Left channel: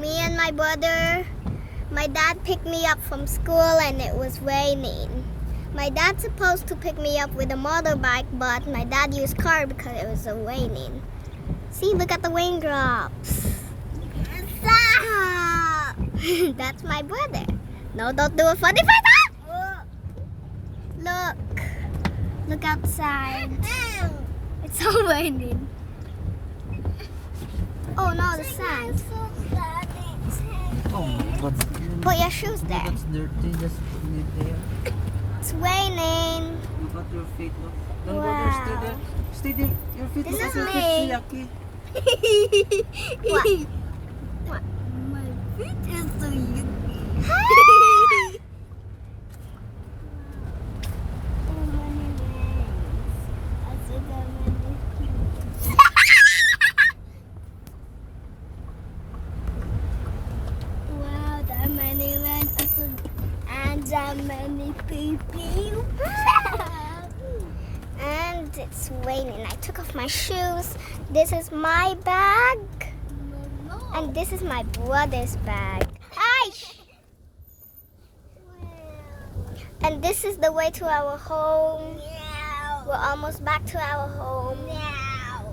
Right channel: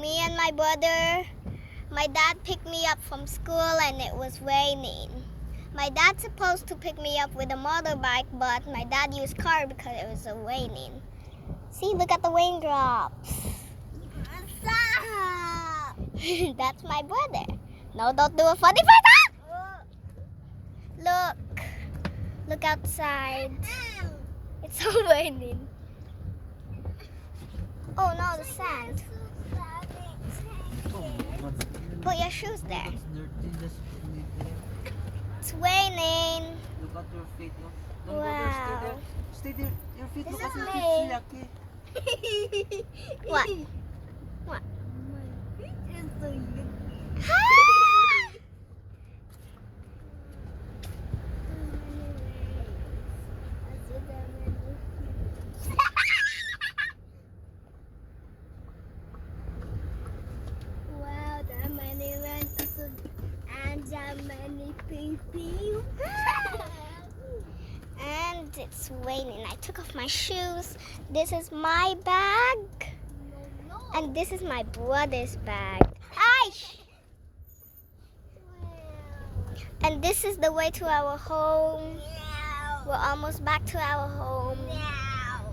me and my brother, my dad picked me up from school and it was raining. My dad's supposed to pick me up with a motorbike, but my dad used car because it was raining. See, look at the raindrops. Stop! That's my brother. No, don't do a funny face. Look. Look outside. It's all raining. Oh no, the sand. Oh my God. Put your shoes there. That's dirty. Just leave there. It's raining. Look at your feet. Look. Don't go Wow. there. Stay there. Stay there. Your feet. This Look is at your me. feet. Yucky. What? What? My feet is so yucky. Wow, that many men and that many people. And it's raining. I took off my shoes. This is my bag. And this is my brother's bag. Aish! And this is the way to our home. We're almost back to our home.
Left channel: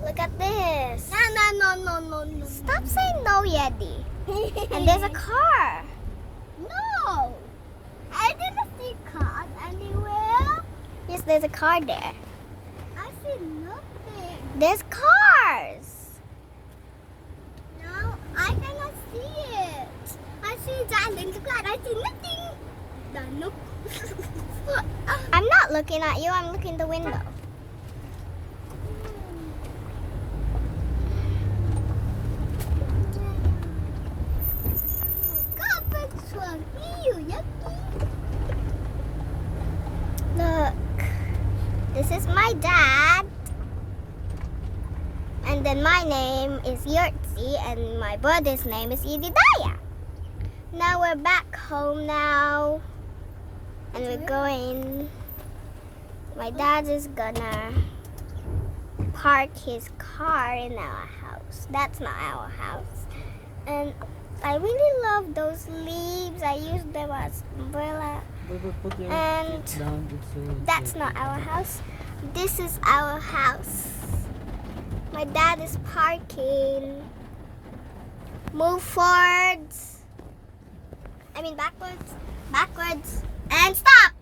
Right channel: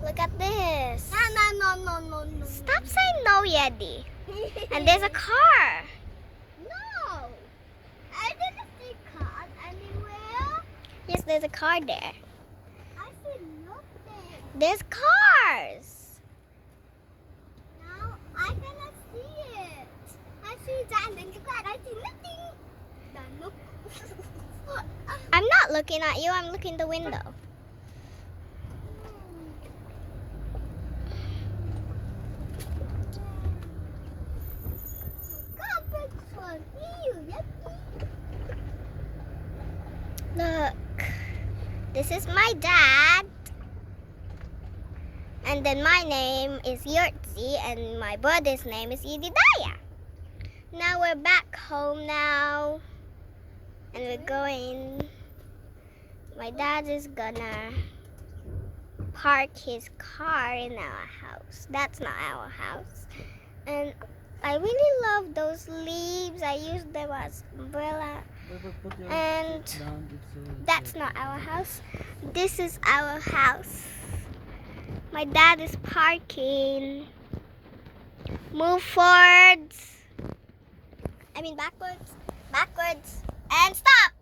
Look at this. No. Stop saying no, Yeti. And there's a car. No. I didn't see cars anywhere. Yes, there's a car there. I see nothing. There's cars. No, I cannot see it. I see Darling car. I see nothing. Look. I'm not looking at you. I'm looking the window. Look. This is my dad. And then my name is Yurtzi and my brother's name is Yedidaya. Now we're back home now. And we're going. My dad is gonna park his car in our house. That's not our house. And I really love those leaves. I use them as umbrella. Put your And feet down. that's not our house. This is our house. My dad is parking. Move forwards. I mean backwards. Backwards. And stop!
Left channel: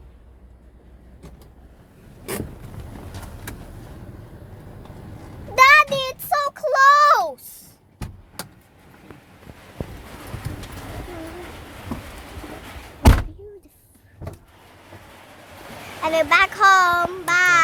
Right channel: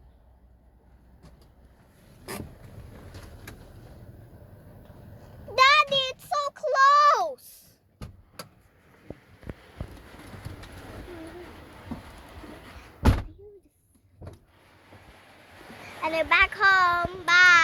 Daddy, it's so close! And we're back home. Bye!